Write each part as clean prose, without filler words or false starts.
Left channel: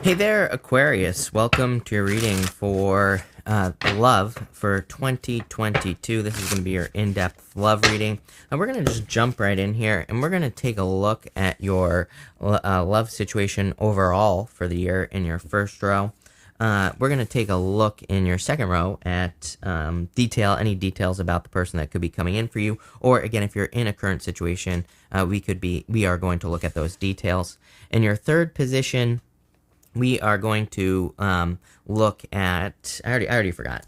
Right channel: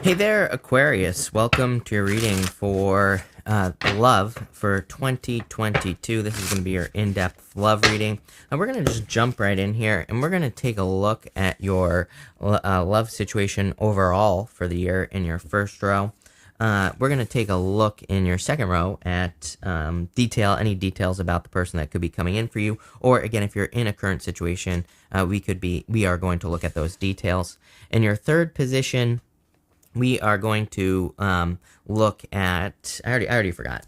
Hey there, Aquarius. Welcome to your reading for love for 2022. This is going to be your in-depth love reading. And we're going to just jump right in here, and we're going to take a look at your love situation overall for the year in your first row. We're going to take a look in your second row at any details about the person that could be coming in for you. Or again, if you're in a current situation, we are going to look at those details. In your third position, we are going to look at, I already forgot,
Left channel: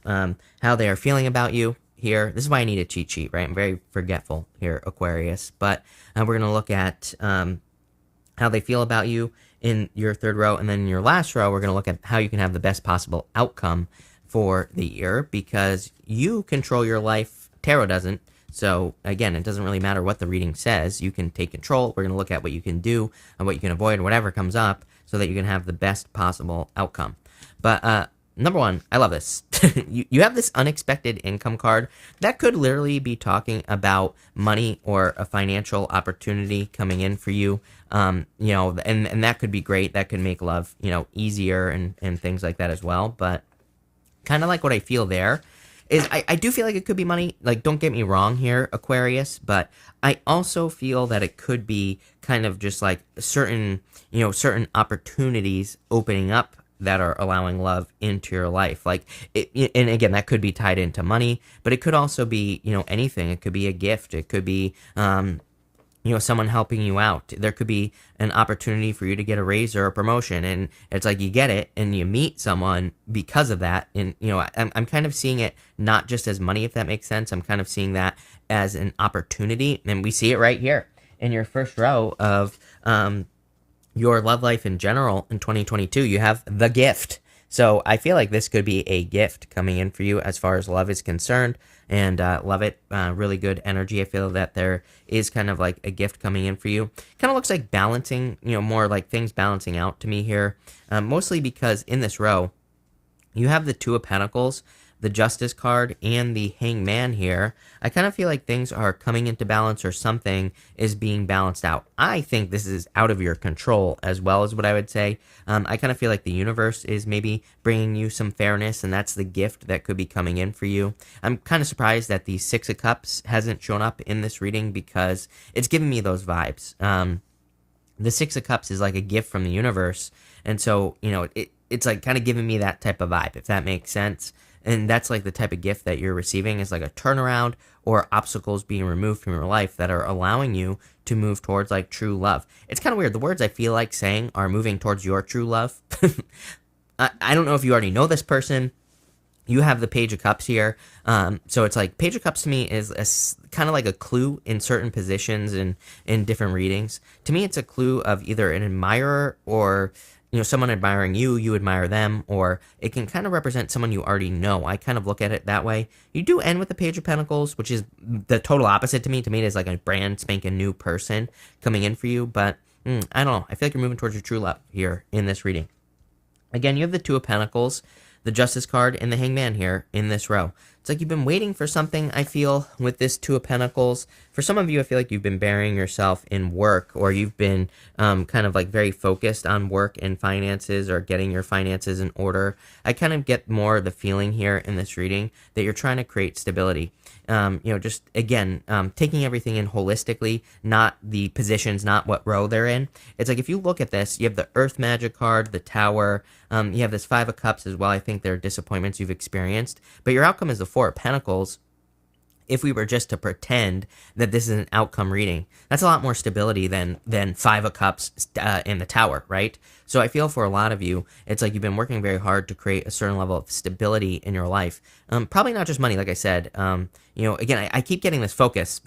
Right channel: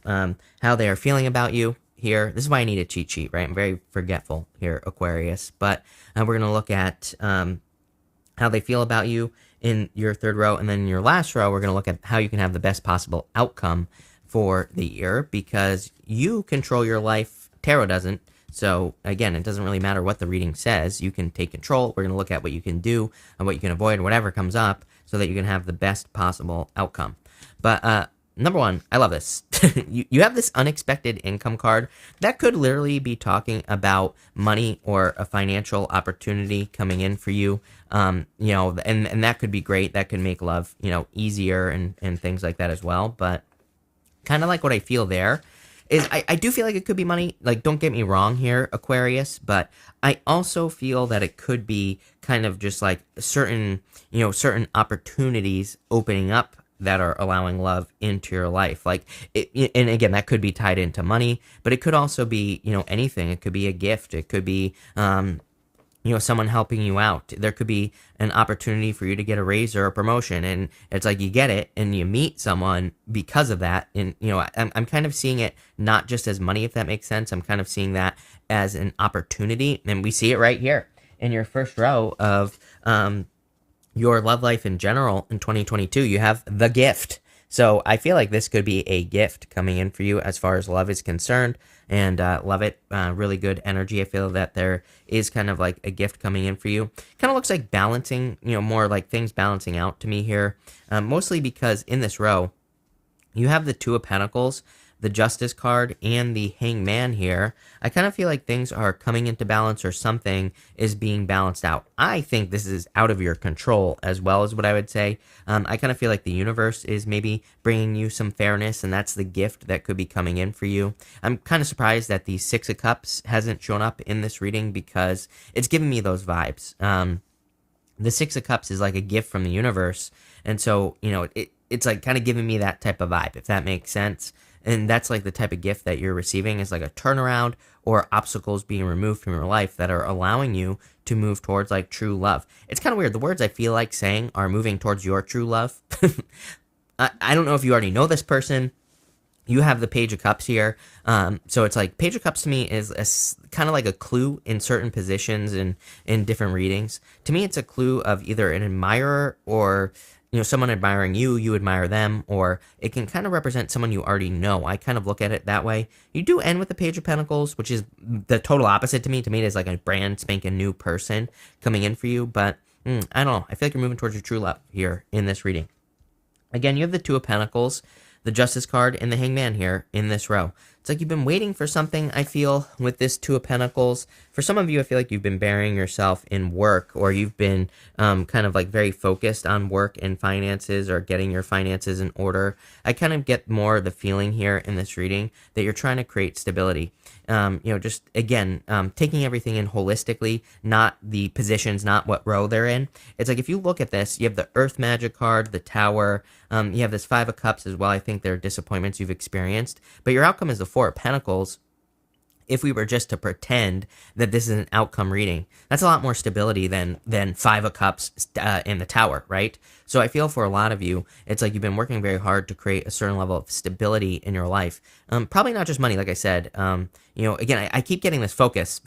how they are feeling about you here. This is why I need a cheat sheet, right? I'm very forgetful here, Aquarius. But we're going to look at how they feel about you in your third row. And then in your last row, we're going to look at how you can have the best possible outcome for the year, because you control your life. Tarot doesn't. So, again, it doesn't really matter what the reading says. You can take control. We're going to look at what you can do and what you can avoid, whatever comes up, so that you can have the best possible outcome. But number one, I love this. you have this unexpected income card. That could literally be talking about money or a financial opportunity coming in for you. And that could be great. That could make love, easier and things like that as well. But kind of like what I feel there is I do feel like it could be money. Like, don't get me wrong here, Aquarius, but I also feel that it could be kind of just like certain opportunities opening up that are allowing love into your life. Like, and again, that could be tied into money, but it could also be, anything. It could be a gift. It could be, someone helping you out. There could be an opportunity for you to get a raise or a promotion, and it's like you get it and you meet someone because of that. And, I'm kind of seeing it not just as money, if that makes sense. I'm kind of seeing that as an opportunity, and we see it right here in your first row of your love life in general in 2022. You have the gift. So I feel like this could be a gift coming in for you as far as love is concerned, and love it. Really good energy. I feel that there is kind of like a gift coming in for you. Kind of looks like balancing, more like things balancing out to me here, mostly because in this row, you have the Two of Pentacles, the Justice card, and the Hangman here. I kind of feel like things are coming into balance, or something is being balanced out. I think this is out of your control as well, as what I would say. I kind of feel like the universe is maybe bringing you some fairness, and that's the gift that could be coming in for you. I'm kind of surprised that the Six of Cups hasn't shown up in this reading, because it's giving me those vibes. The Six of Cups is like a gift from the universe, and so, it's like kind of giving me that type of vibe, if that makes sense. And that's like the type of gift that you're receiving, is like a turnaround or obstacles being removed from your life that are allowing you to move towards like true love. It's kind of weird. The words I feel like saying are moving towards your true love. I don't know if you already know this person. You have the Page of Cups here. So it's like Page of Cups to me is kind of like a clue in certain positions and in different readings. To me, it's a clue of either an admirer or someone admiring you, you admire them, or it can kind of represent someone you already know. I kind of look at it that way. You do end with the Page of Pentacles, which is the total opposite to me. To me, it is like a brand spanking new person coming in for you, but I don't know. I feel like you're moving towards your true love here in this reading. Again, you have the Two of Pentacles, the Justice card, and the Hangman here in this row. It's like you've been waiting for something, I feel, with this Two of Pentacles. For some of you, I feel like you've been burying yourself in work, or you've been kind of like very focused on work and finances, or getting your finances in order. I kind of get more of the feeling here in this reading that you're trying to create stability. Just again, taking everything in holistically, not the positions, not what row they're in. It's like if you look at this, you have the Earth Magic card, the Tower, you have this Five of Cups as well. I think there are disappointments you've experienced, but your outcome is the Four of Pentacles. If we were just to pretend that this is an outcome reading, that's a lot more stability than Five of Cups and the Tower, right? So I feel for a lot of you, it's like you've been working very hard to create a certain level of stability in your life. Probably not just money, like I said. Again, I keep getting this focus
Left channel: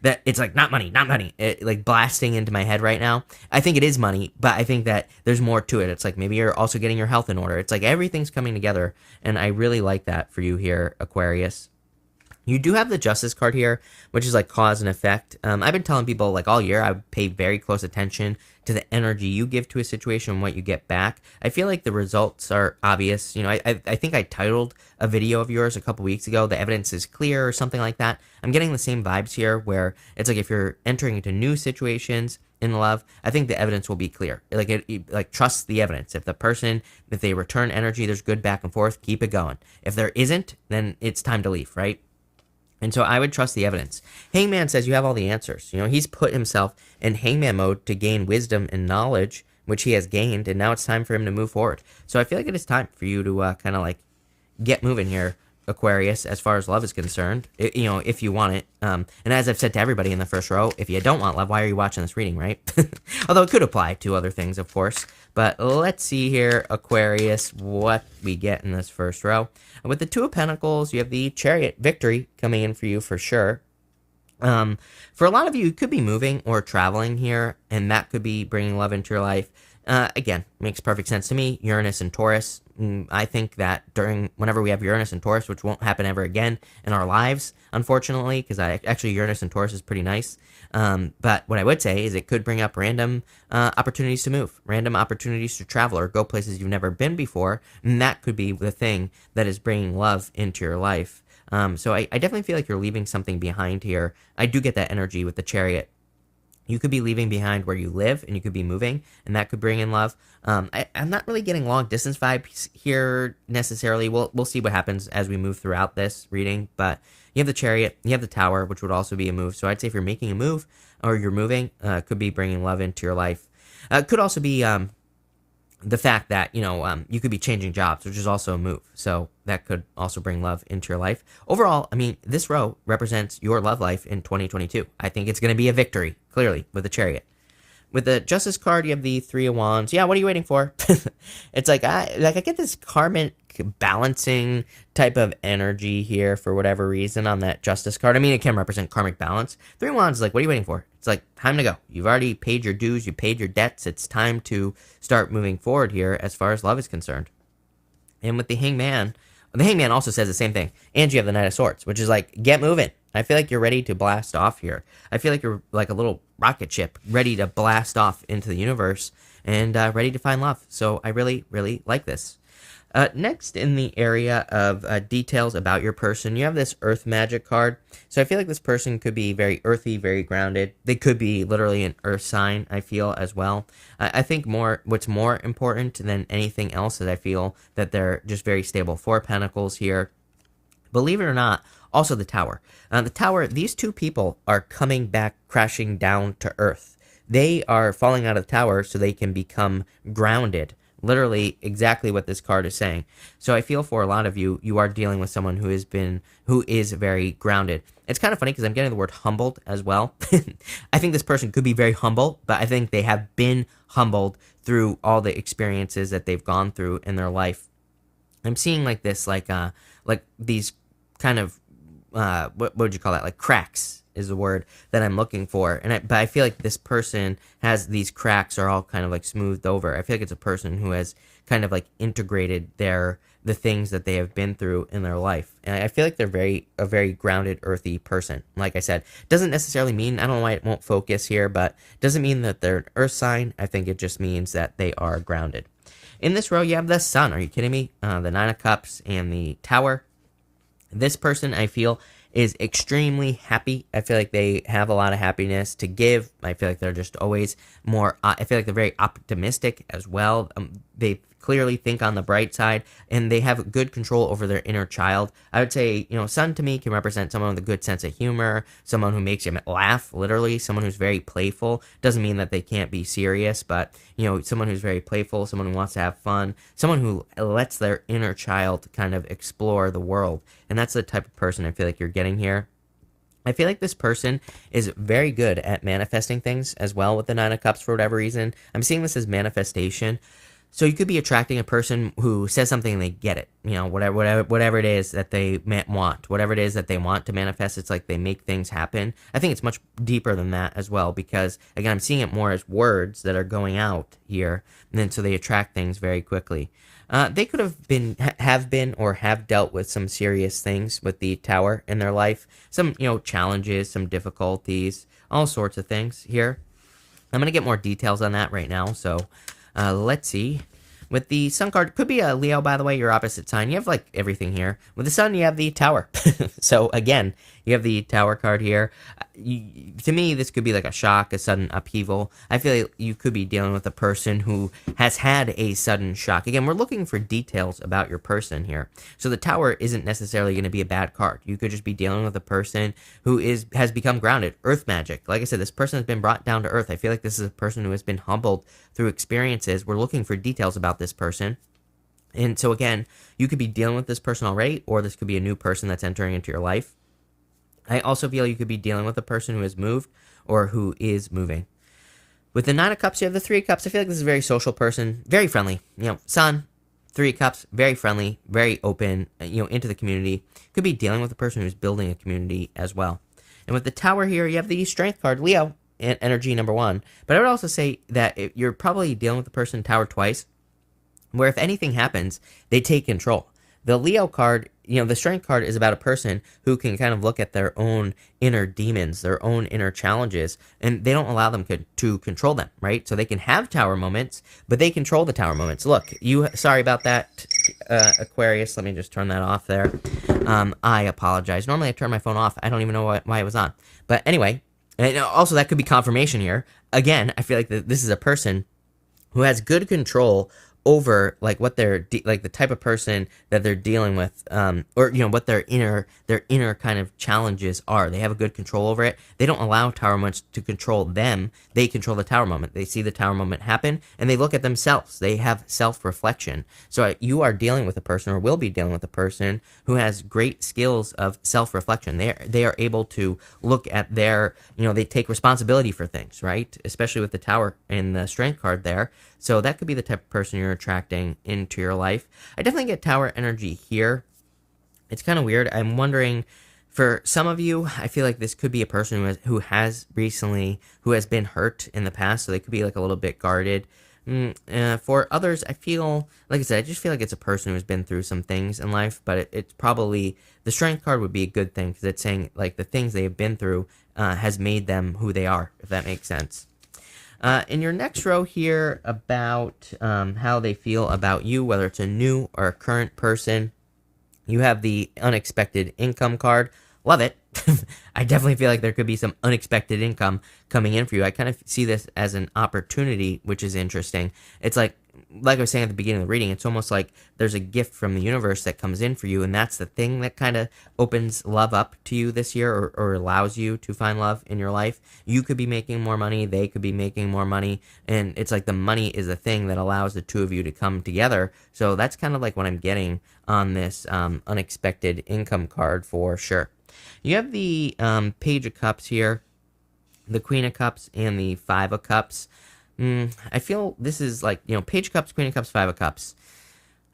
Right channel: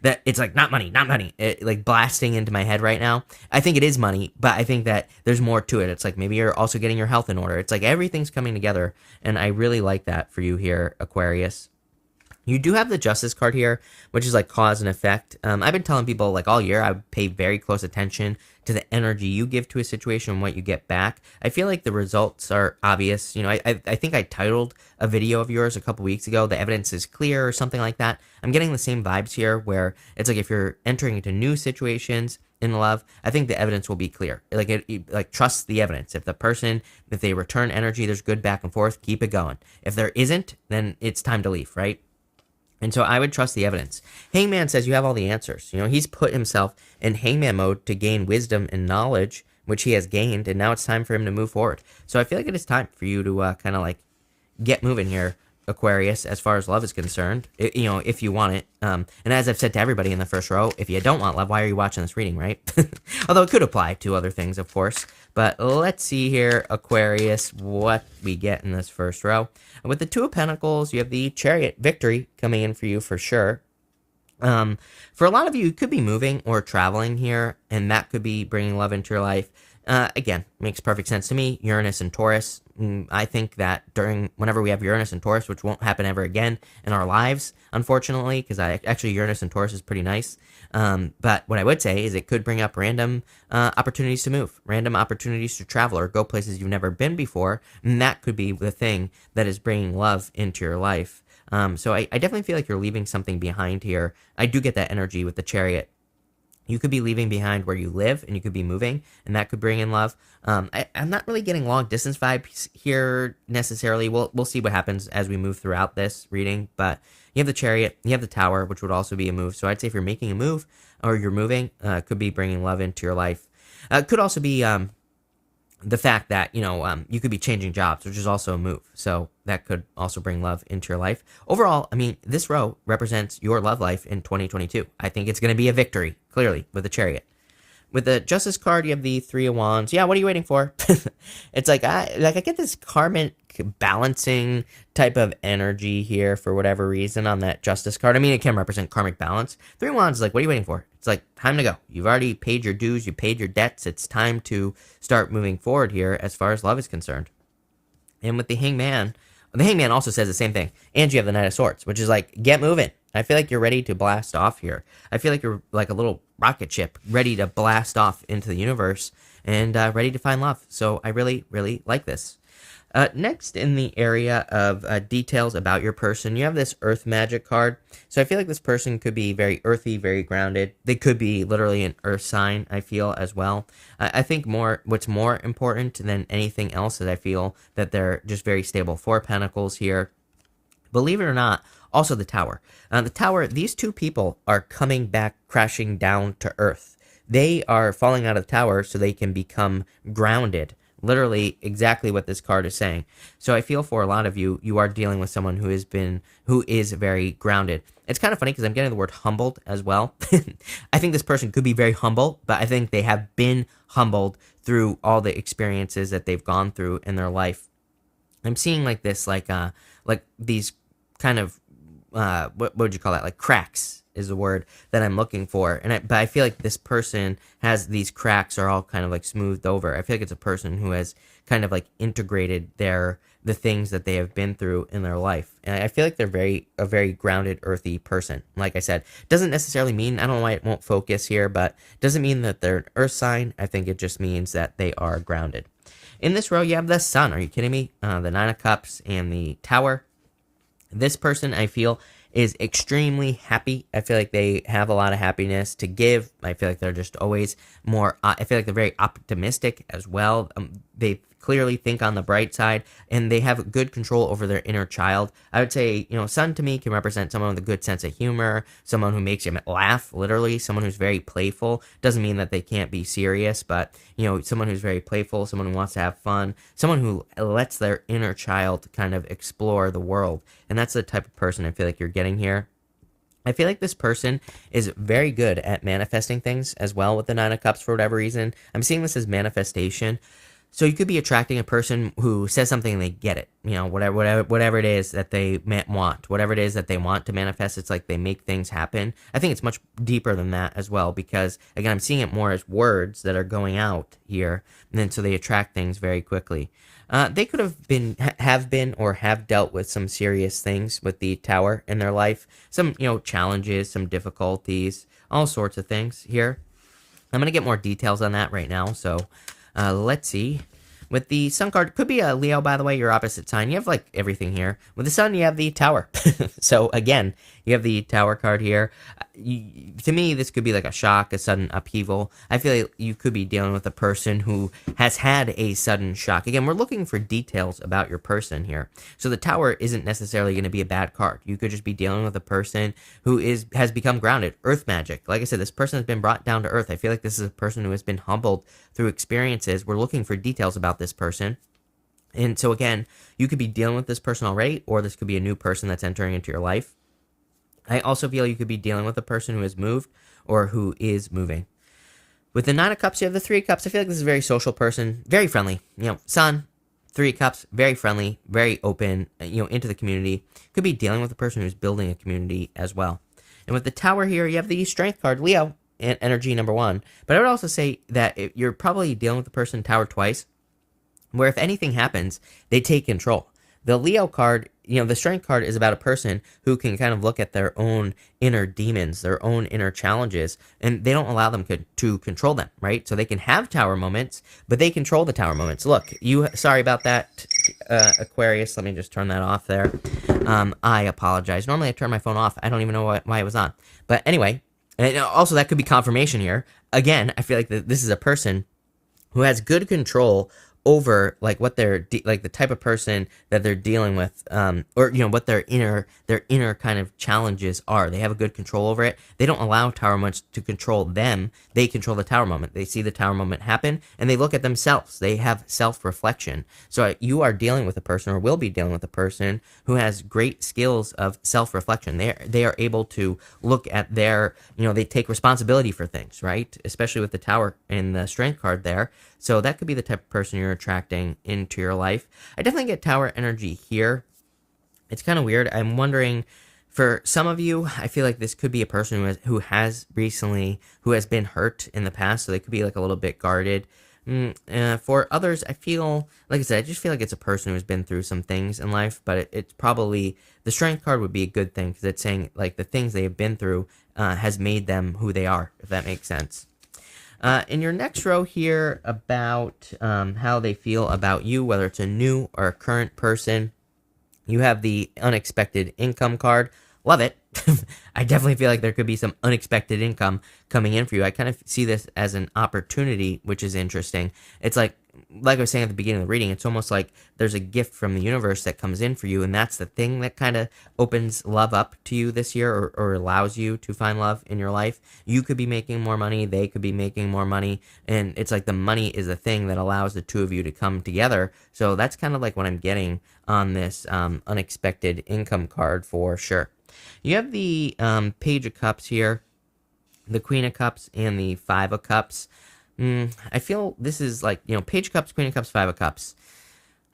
that it's like not money, like blasting into my head right now. I think it is money, but I think that there's more to it. It's like maybe you're also getting your health in order. It's like everything's coming together, and I really like that for you here, Aquarius. You do have the Justice card here, which is like cause and effect. I've been telling people like all year, I pay very close attention to the energy you give to a situation and what you get back. I feel like the results are obvious. I think I titled a video of yours a couple weeks ago, "The Evidence is Clear," or something like that. I'm getting the same vibes here, where it's like if you're entering into new situations, in love, I think the evidence will be clear. Like trust the evidence. If they return energy, there's good back and forth, keep it going. If there isn't, then it's time to leave, right? And so I would trust the evidence. Hangman says you have all the answers. He's put himself in hangman mode to gain wisdom and knowledge, which he has gained, and now it's time for him to move forward. So I feel like it is time for you to kind of like get moving here, Aquarius, as far as love is concerned, if you want it. And as I've said to everybody in the first row, if you don't want love, why are you watching this reading, right? Although it could apply to other things, of course. But let's see here, Aquarius, what we get in this first row. With the Two of Pentacles, you have the Chariot victory coming in for you for sure. For a lot of you could be moving or traveling here, and that could be bringing love into your life. Again, makes perfect sense to me. Uranus and Taurus. I think that whenever we have Uranus and Taurus, which won't happen ever again in our lives, unfortunately, because actually Uranus and Taurus is pretty nice. But what I would say is it could bring up random opportunities to move, random opportunities to travel or go places you've never been before, and that could be the thing that is bringing love into your life. So I definitely feel like you're leaving something behind here. I do get that energy with the Chariot. You could be leaving behind where you live, and you could be moving, and that could bring in love. I'm not really getting long-distance vibes here necessarily. We'll see what happens as we move throughout this reading, but you have the Chariot, you have the Tower, which would also be a move. So I'd say if you're making a move, or you're moving, could be bringing love into your life. Could also be the fact that, you could be changing jobs, which is also a move. So that could also bring love into your life. Overall, I mean, this row represents your love life in 2022. I think it's going to be a victory, clearly, with the Chariot. With the Justice card, you have the Three of Wands. Yeah, what are you waiting for? It's like I get this karmic balancing type of energy here for whatever reason on that Justice card. I mean, it can represent karmic balance. Three of Wands is like, what are you waiting for? It's like, time to go. You've already paid your dues. You paid your debts. It's time to start moving forward here as far as love is concerned. And with the Hangman also says the same thing. And you have the Knight of Swords, which is like, get moving. I feel like you're ready to blast off here. I feel like you're like a little rocket ship ready to blast off into the universe and ready to find love. So I really, really like this. Next, in the area of details about your person, you have this Earth Magic card. So I feel like this person could be very earthy, very grounded. They could be literally an Earth sign, I feel, as well. I think what's more important than anything else is I feel that they're just very stable. Four of Pentacles here. Believe it or not, also the Tower. The Tower, these two people are coming back, crashing down to Earth. They are falling out of the Tower so they can become grounded. Literally exactly what this card is saying. So I feel for a lot of you, you are dealing with someone who is very grounded. It's kind of funny because I'm getting the word humbled as well. I think this person could be very humble, but I think they have been humbled through all the experiences that they've gone through in their life. I'm seeing like this, like these kind of, what would you call that? Like cracks is the word that I'm looking for. But I feel like this person has these cracks are all kind of like smoothed over. I feel like it's a person who has kind of like integrated the things that they have been through in their life. And I feel like they're a very grounded, earthy person. Like I said, doesn't necessarily mean, I don't know why it won't focus here, but doesn't mean that they're an earth sign. I think it just means that they are grounded. In this row, you have the Sun. Are you kidding me? The Nine of Cups and the Tower. This person, I feel, is extremely happy. I feel like they have a lot of happiness to give. I feel like they're just always more, I feel like they're very optimistic as well. They clearly think on the bright side, and they have good control over their inner child. I would say, Sun to me can represent someone with a good sense of humor, someone who makes you laugh, literally, someone who's very playful. Doesn't mean that they can't be serious, but, someone who's very playful, someone who wants to have fun, someone who lets their inner child kind of explore the world. And that's the type of person I feel like you're getting here. I feel like this person is very good at manifesting things as well with the Nine of Cups for whatever reason. I'm seeing this as manifestation. So you could be attracting a person who says something and they get it. Whatever it is that they want. Whatever it is that they want to manifest, it's like they make things happen. I think it's much deeper than that as well because, again, I'm seeing it more as words that are going out here. And then so they attract things very quickly. They could have been or have dealt with some serious things with the Tower in their life. Some, challenges, some difficulties, all sorts of things here. I'm going to get more details on that right now. So let's see. With the Sun card, could be a Leo, by the way, your opposite sign. You have, like, everything here. With the Sun, you have the Tower. So, again, You have the Tower card here. To me, this could be like a shock, a sudden upheaval. I feel like you could be dealing with a person who has had a sudden shock. Again, we're looking for details about your person here. So the Tower isn't necessarily going to be a bad card. You could just be dealing with a person who has become grounded. Earth magic. Like I said, this person has been brought down to earth. I feel like this is a person who has been humbled through experiences. We're looking for details about this person. And so again, you could be dealing with this person already, or this could be a new person that's entering into your life. I also feel you could be dealing with a person who has moved or who is moving. With the Nine of Cups, you have the Three of Cups. I feel like this is a very social person, very friendly. Sun, Three of Cups, very friendly, very open, into the community. Could be dealing with a person who's building a community as well. And with the Tower here, you have the Strength card, Leo, and energy number 1. But I would also say that you're probably dealing with the person Tower twice, where if anything happens, they take control. The Leo card, the Strength card is about a person who can kind of look at their own inner demons, their own inner challenges, and they don't allow them to control them, right? So they can have Tower moments, but they control the Tower moments. Look, sorry about that, Aquarius. Let me just turn that off there. I apologize. Normally I turn my phone off. I don't even know why it was on. But anyway, and also that could be confirmation here. Again, I feel like this is a person who has good control over like what they're like the type of person that they're dealing with, or what their inner kind of challenges are. They have a good control over it. They don't allow Tower moments to control them. They control the Tower moment. They see the Tower moment happen and they look at themselves. They have self-reflection. So you are dealing with a person, or will be dealing with a person, who has great skills of self-reflection. They are able to look at their, they take responsibility for things, right? Especially with the Tower and the Strength card there. So that could be the type of person you're attracting into your life. I definitely get Tower energy here. It's kind of weird. I'm wondering, for some of you, I feel like this could be a person who has been hurt in the past, so they could be like a little bit guarded. For others, I feel, like I said, I just feel like it's a person who's been through some things in life, but it's probably, the Strength card would be a good thing, because it's saying like the things they have been through has made them who they are, if that makes sense. In your next row here, about how they feel about you, whether it's a new or a current person, you have the Unexpected Income card. Love it. I definitely feel like there could be some unexpected income coming in for you. I kind of see this as an opportunity, which is interesting. It's like I was saying at the beginning of the reading, it's almost like there's a gift from the universe that comes in for you, and that's the thing that kind of opens love up to you this year, or allows you to find love in your life. You could be making more money, they could be making more money, and it's like the money is a thing that allows the two of you to come together. So that's kind of like what I'm getting on this Unexpected Income card for sure. You have the Page of Cups here, the Queen of Cups, and the Five of Cups. I feel this is like, Page of Cups, Queen of Cups, Five of Cups.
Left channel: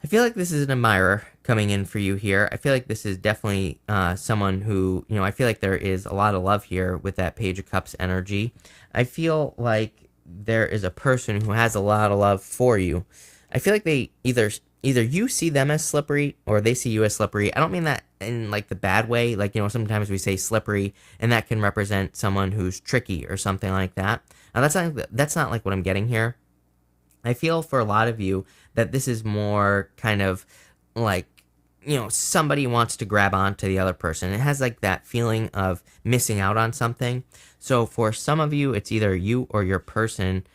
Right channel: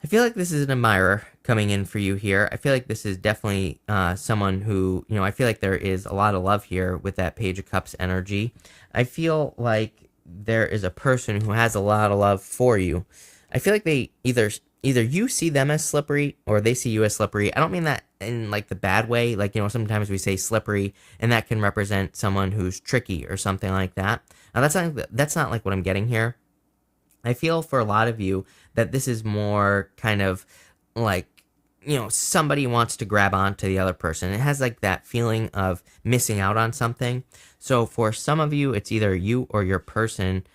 I feel like this is an admirer coming in for you here. I feel like this is definitely someone who, I feel like there is a lot of love here with that Page of Cups energy. I feel like there is a person who has a lot of love for you. I feel like they either you see them as slippery, or they see you as slippery. I don't mean that in like the bad way. Like, sometimes we say slippery and that can represent someone who's tricky or something like that. Now, that's not like what I'm getting here. I feel for a lot of you that this is more kind of like, somebody wants to grab onto the other person. It has like that feeling of missing out on something. So for some of you, it's either you or your person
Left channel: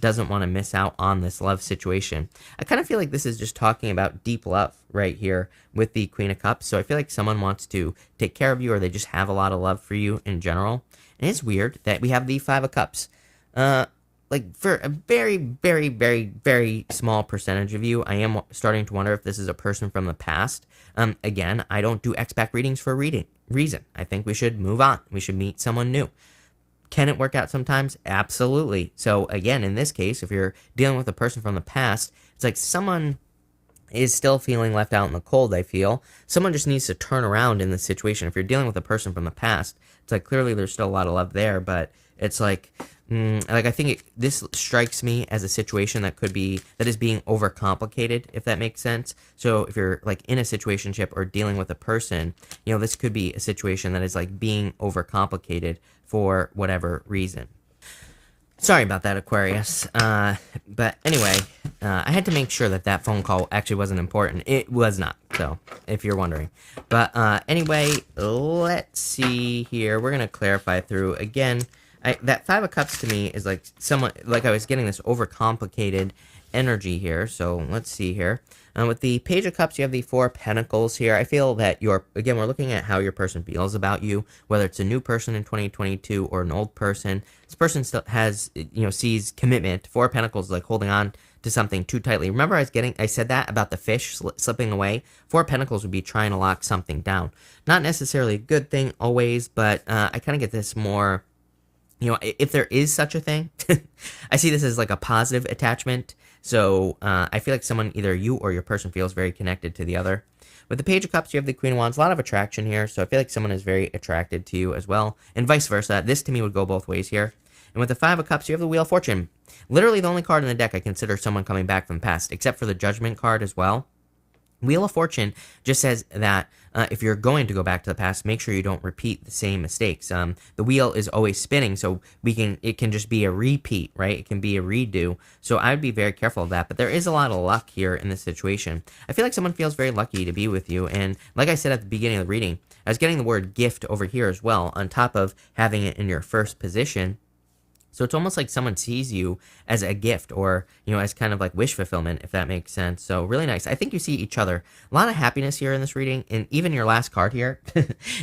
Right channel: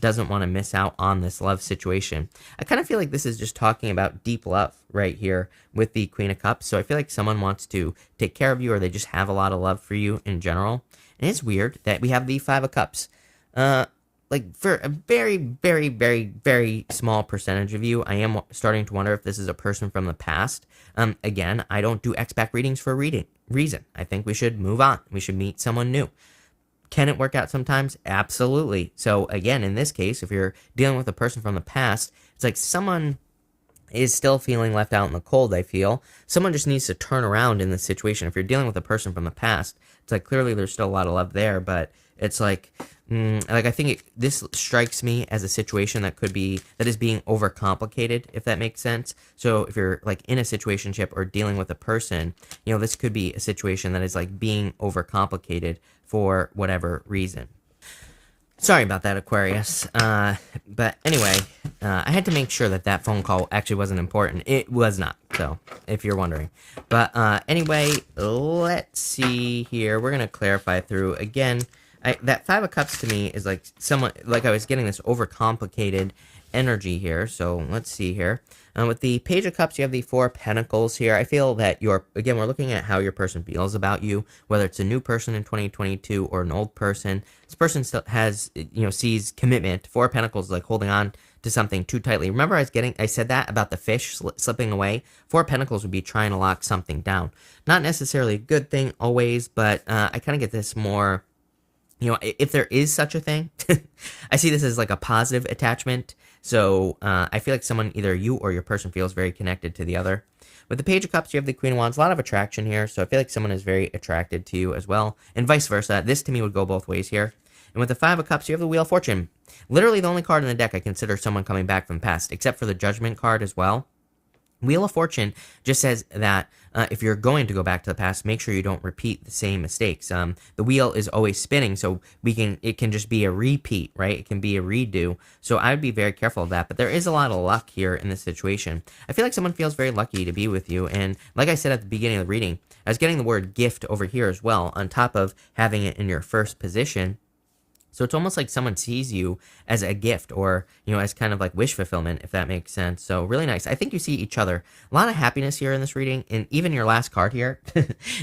doesn't want to miss out on this love situation. I kind of feel like this is just talking about deep love right here with the Queen of Cups. So I feel like someone wants to take care of you, or they just have a lot of love for you in general. And it's weird that we have the Five of Cups. Like for a very, very, very, very small percentage of you, I am starting to wonder if this is a person from the past. Again, I don't do X-Pac readings for a reason. I think we should move on. We should meet someone new. Can it work out sometimes? Absolutely. So again, in this case, if you're dealing with a person from the past, it's like someone is still feeling left out in the cold, I feel. Someone just needs to turn around in this situation. If you're dealing with a person from the past, it's like clearly there's still a lot of love there, but it's like, I think this strikes me as a situation that is being overcomplicated, if that makes sense. So if you're like in a situationship or dealing with a person, this could be a situation that is like being overcomplicated for whatever reason. Sorry about that, Aquarius. But anyway, I had to make sure that that phone call actually wasn't important. It was not, so, if you're wondering. But anyway, let's see here. We're going to clarify through, again, that Five of Cups to me is like I was getting this overcomplicated energy here, so let's see here. With the Page of Cups, you have the Four of Pentacles here. I feel that again, we're looking at how your person feels about you, whether it's a new person in 2022 or an old person. This person still has, sees commitment. Four of Pentacles is like holding on to something too tightly. Remember I said that about the fish slipping away? Four of Pentacles would be trying to lock something down. Not necessarily a good thing always, but I kind of get this more, if there is such a thing, I see this as like a positive attachment. So I feel like someone, either you or your person, feels very connected to the other. With the Page of Cups, you have the Queen of Wands. A lot of attraction here, so I feel like someone is very attracted to you as well, and vice versa. This, to me, would go both ways here. And with the Five of Cups, you have the Wheel of Fortune. Literally the only card in the deck I consider someone coming back from the past, except for the Judgment card as well. Wheel of Fortune just says that if you're going to go back to the past, make sure you don't repeat the same mistakes. The wheel is always spinning, so it can just be a repeat, right? It can be a redo. So I would be very careful of that. But there is a lot of luck here in this situation. I feel like someone feels very lucky to be with you. And like I said at the beginning of the reading, I was getting the word gift over here as well, on top of having it in your first position. So it's almost like someone sees you as a gift, or, as kind of like wish fulfillment, if that makes sense. So really nice. I think you see each other. A lot of happiness here in this reading, and even your last card here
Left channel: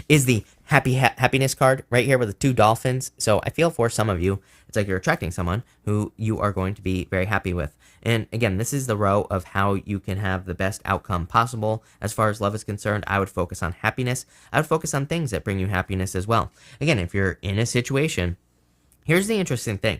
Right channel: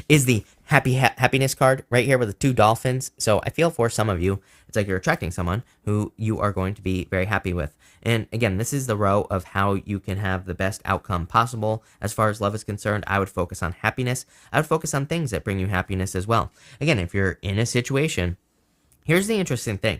is the happiness card right here with the two dolphins. So I feel for some of you, it's like you're attracting someone who you are going to be very happy with. And again, this is the row of how you can have the best outcome possible. As far as love is concerned, I would focus on happiness. I would focus on things that bring you happiness as well. Again, if you're in a situation, here's the interesting thing.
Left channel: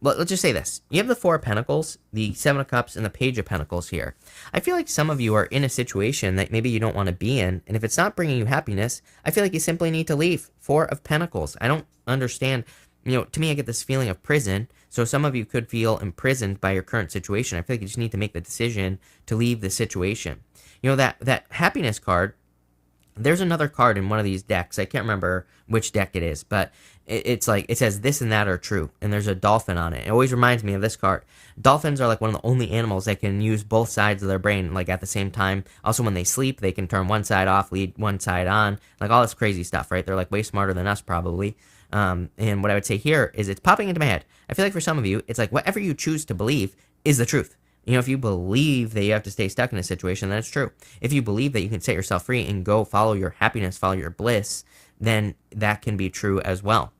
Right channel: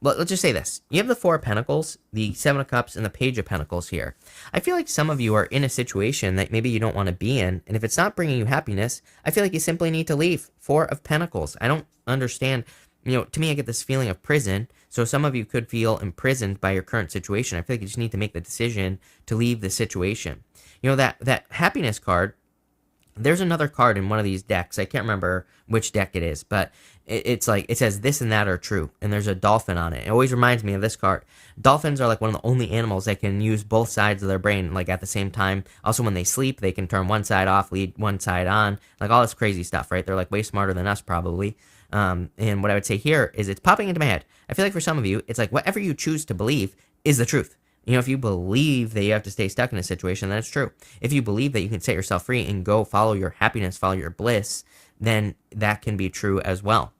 Let's just say this. You have the Four of Pentacles, the Seven of Cups, and the Page of Pentacles here. I feel like some of you are in a situation that maybe you don't want to be in, and if it's not bringing you happiness, I feel like you simply need to leave. Four of Pentacles. I don't understand. To me, I get this feeling of prison, so some of you could feel imprisoned by your current situation. I feel like you just need to make the decision to leave the situation. That happiness card, there's another card in one of these decks. I can't remember which deck it is, but it's like, it says this and that are true, and there's a dolphin on it. It always reminds me of this card. Dolphins are like one of the only animals that can use both sides of their brain, like at the same time. Also, when they sleep, they can turn one side off, lead one side on, like all this crazy stuff, right? They're like way smarter than us, probably. And what I would say here is it's popping into my head. I feel like for some of you, it's like whatever you choose to believe is the truth. If you believe that you have to stay stuck in a situation, then it's true. If you believe that you can set yourself free and go follow your happiness, follow your bliss, then that can be true as well.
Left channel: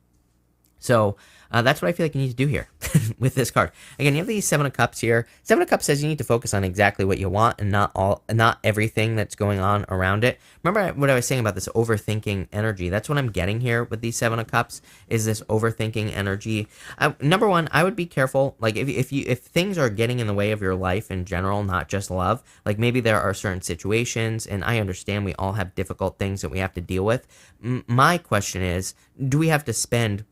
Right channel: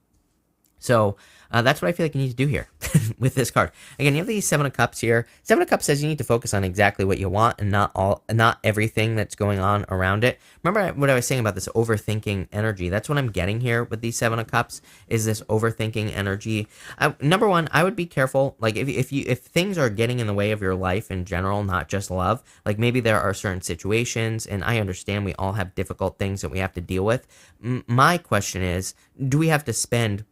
So that's what I feel like you need to do here with this card. Again, you have the Seven of Cups here. Seven of Cups says you need to focus on exactly what you want and not everything that's going on around it. Remember what I was saying about this overthinking energy? That's what I'm getting here with these Seven of Cups, is this overthinking energy. Number one, I would be careful. Like if things are getting in the way of your life in general, not just love, like maybe there are certain situations, and I understand we all have difficult things that we have to deal with. My question is, do we have to spend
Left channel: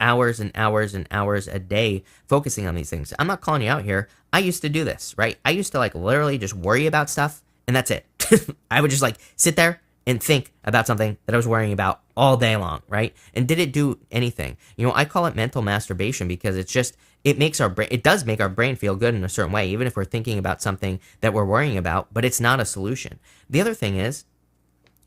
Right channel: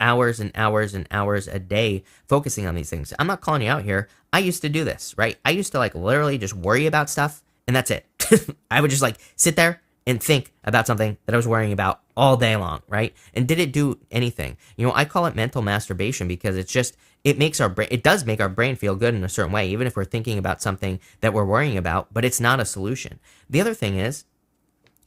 hours and hours and hours a day focusing on these things? I'm not calling you out here. I used to do this, right? I used to literally just worry about stuff, and that's it. I would just sit there and think about something that I was worrying about all day long, right? And did it do anything? I call it mental masturbation, because it does make our brain feel good in a certain way, even if we're thinking about something that we're worrying about, but it's not a solution. The other thing is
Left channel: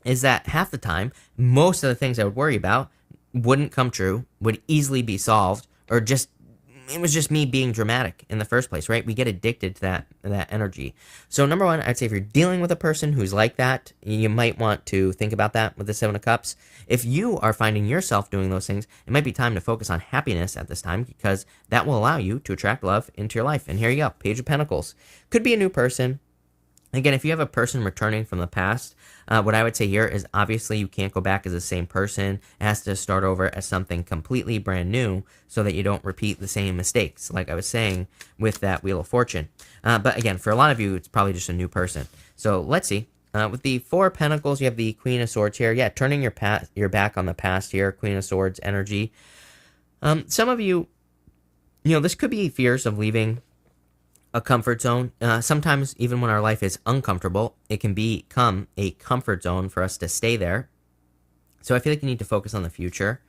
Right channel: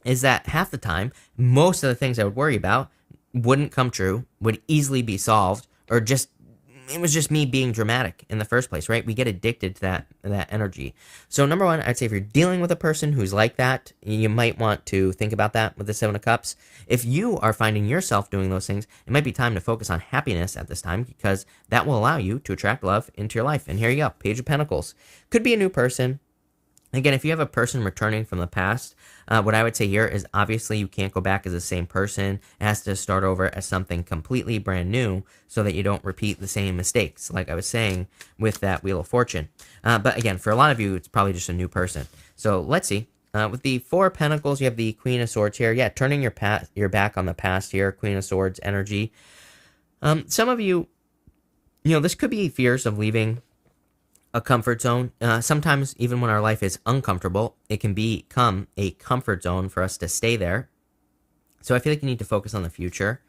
that half the time, most of the things I would worry about wouldn't come true, would easily be solved, or it was just me being dramatic in the first place, right? We get addicted to that energy. So number one, I'd say if you're dealing with a person who's like that, you might want to think about that with the Seven of Cups. If you are finding yourself doing those things, it might be time to focus on happiness at this time, because that will allow you to attract love into your life. And here you go, Page of Pentacles. Could be a new person. Again, if you have a person returning from the past, what I would say here is obviously you can't go back as the same person. It has to start over as something completely brand new, so that you don't repeat the same mistakes, like I was saying with that Wheel of Fortune. But again, for a lot of you, it's probably just a new person. So let's see. With the Four of Pentacles, you have the Queen of Swords here. Yeah, turning your back on the past here, Queen of Swords energy. Some of you, this could be fears of leaving a comfort zone. Sometimes even when our life is uncomfortable, it can become a comfort zone for us to stay there. So I feel like you need to focus on the future.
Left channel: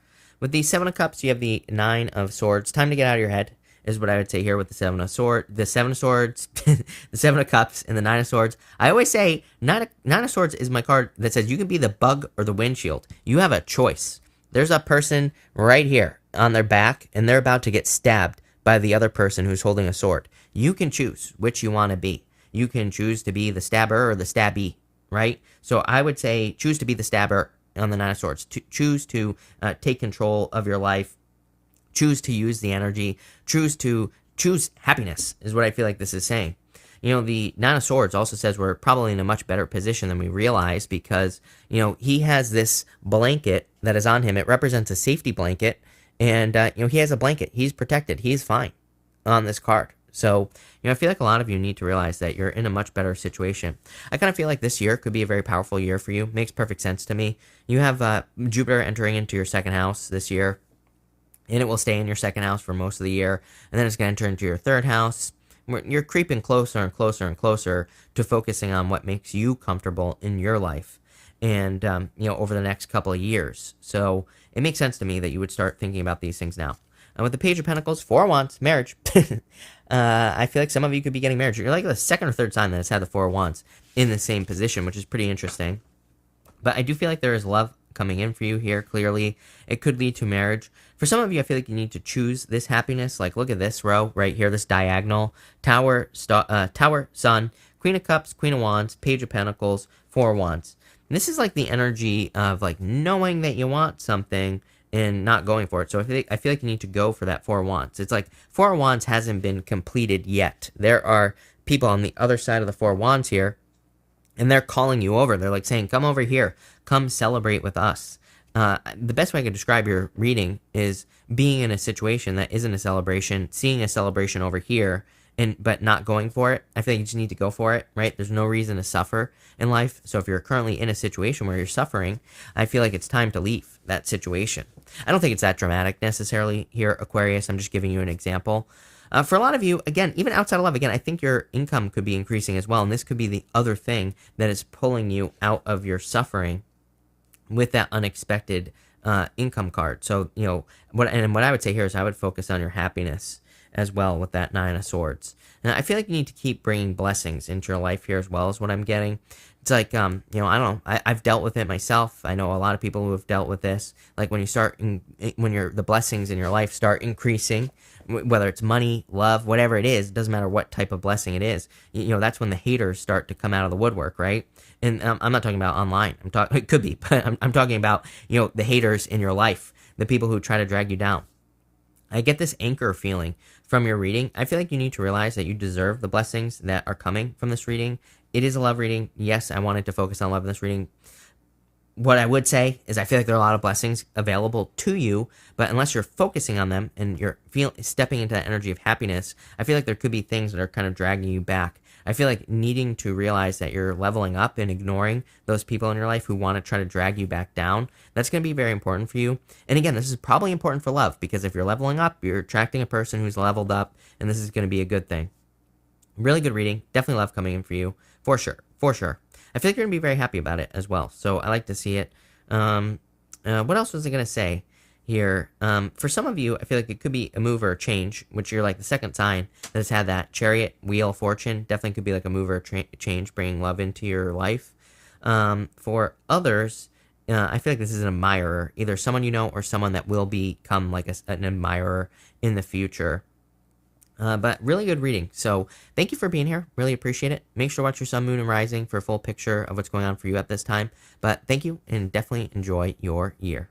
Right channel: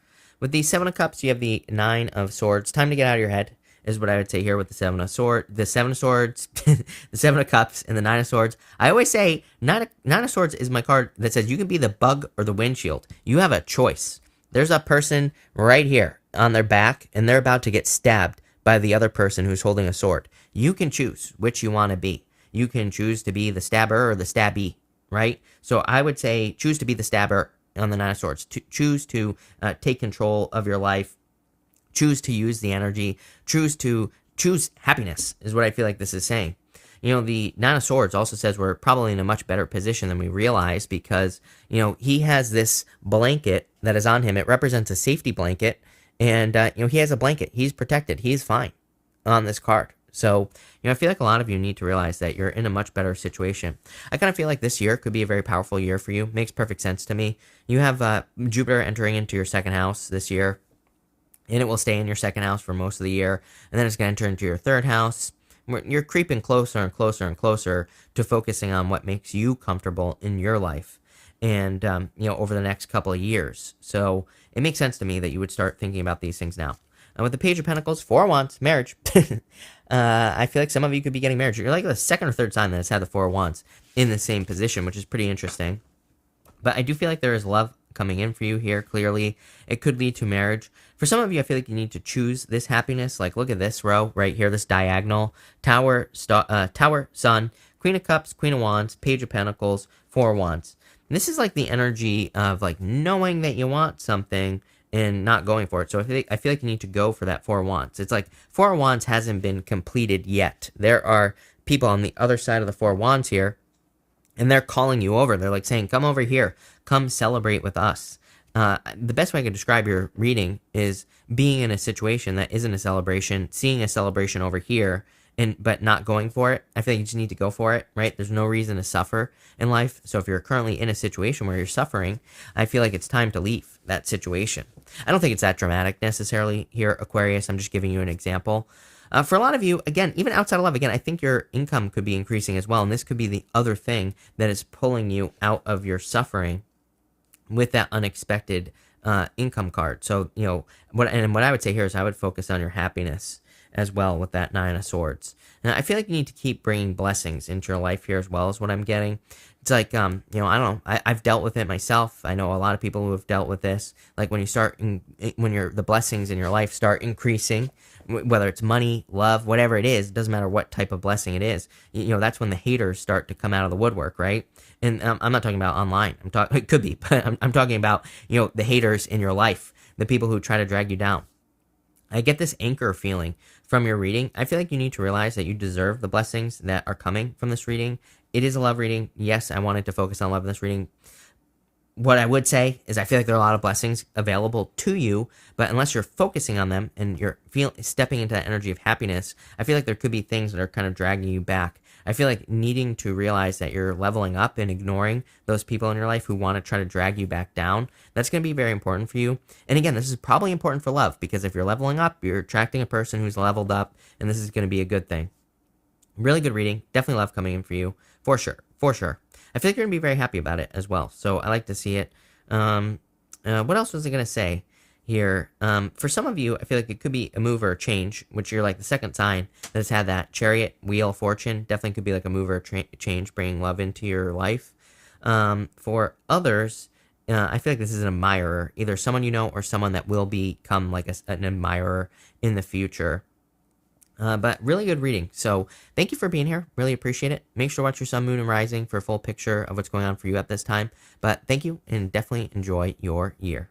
With the Seven of Cups, you have the Nine of Swords. Time to get out of your head is what I would say here with the Seven of Swords, the Seven of Swords, the Seven of Cups, and the Nine of Swords. I always say Nine of Swords is my card that says you can be the bug or the windshield. You have a choice. There's a person right here on their back, and they're about to get stabbed by the other person who's holding a sword. You can choose which you want to be. You can choose to be the stabber or the stabbee, right? So I would say choose to be the stabber on the Nine of Swords. Choose to take control of your life. Choose to use the energy. Choose happiness is what I feel like this is saying. You know, the Nine of Swords also says we're probably in a much better position than we realize because, you know, he has this blanket that is on him. It represents a safety blanket. And, you know, he has a blanket. He's protected. He's fine on this card. So, you know, I feel like a lot of you need to realize that you're in a much better situation. I kind of feel like this year could be a very powerful year for you. Makes perfect sense to me. You have Jupiter entering into your second house this year, and it will stay in your second house for most of the year, and then it's going to enter into your third house. You're creeping closer and closer and closer to focusing on what makes you comfortable in your life and, you know, over the next couple of years. So it makes sense to me that you would start thinking about these things now. With the Page of Pentacles, Four of Wands, marriage. I feel like some of you could be getting married. You're like the second or third time that has had the Four of Wands in the same position, which is pretty interesting. But I do feel like there is love coming in for you here, clearly. It could lead to marriage. For some of you, I feel like you need to choose this happiness. Like, look at this row right here, this diagonal. Tower, Sun, Queen of Cups, Queen of Wands, Page of Pentacles, Four of Wands. And this is like the energy of like knowing that you want something and not going for it. So I feel like you need to go for that Four of Wands. It's like Four of Wands hasn't been completed yet. There are people on the other side of the Four of Wands here, and they're calling you over. They're like saying, come over here. Come celebrate with us. The best way I could describe your reading is being in a situation that isn't a celebration, seeing a celebration over here, but not going for it. I feel like you just need to go for it, right? There's no reason to suffer in life. So if you're currently in a situation where you're suffering, I feel like it's time to leave that situation. I don't think it's that dramatic necessarily here, Aquarius. I'm just giving you an example. For a lot of you, again, even outside of love, again, I think your income could be increasing as well. And this could be the other thing that is pulling you out of your suffering with that unexpected income card. So, you know, what I would say here is I would focus on your happiness as well with that Nine of Swords. Now, I feel like you need to keep bringing blessings into your life here as well as what I'm getting. It's like, you know, I don't know, I've dealt with it myself. I know a lot of people who have dealt with this. Like when you start, the blessings in your life start increasing, whether it's money, love, whatever it is, it doesn't matter what type of blessing it is. You know, that's when the haters start to come out of the woodwork, right? And I'm not talking about online. It could be, but I'm talking about, you know, the haters in your life, the people who try to drag you down. I get this anchor feeling from your reading. I feel like you need to realize that you deserve the blessings that are coming from this reading. It is a love reading. Yes, I wanted to focus on love in this reading. What I would say is I feel like there are a lot of blessings available to you, but unless you're focusing on them and you're stepping into that energy of happiness, I feel like there could be things that are kind of dragging you back. I feel like needing to realize that you're leveling up and ignoring those people in your life who want to try to drag you back down. That's going to be very important for you. And again, this is probably important for love because if you're leveling up, you're attracting a person who's leveled up, and this is going to be a good thing. Really good reading. Definitely love coming in for you. For sure. For sure. I feel like you're going to be very happy about it as well. So I like to see it. What else was I going to say here? For some of you, I feel like it could be a move or a change, which you're like the second sign that has had that Chariot, Wheel, Fortune. Definitely could be like a move or a change, bringing love into your life. For others, I feel like this is an admirer, either someone you know or someone that will become like an admirer in the future. But really good reading. So thank you for being here. Really appreciate it. Make sure to watch your sun, moon, and rising for a full picture of what's going on for you at this time. But thank you, and definitely enjoy your year.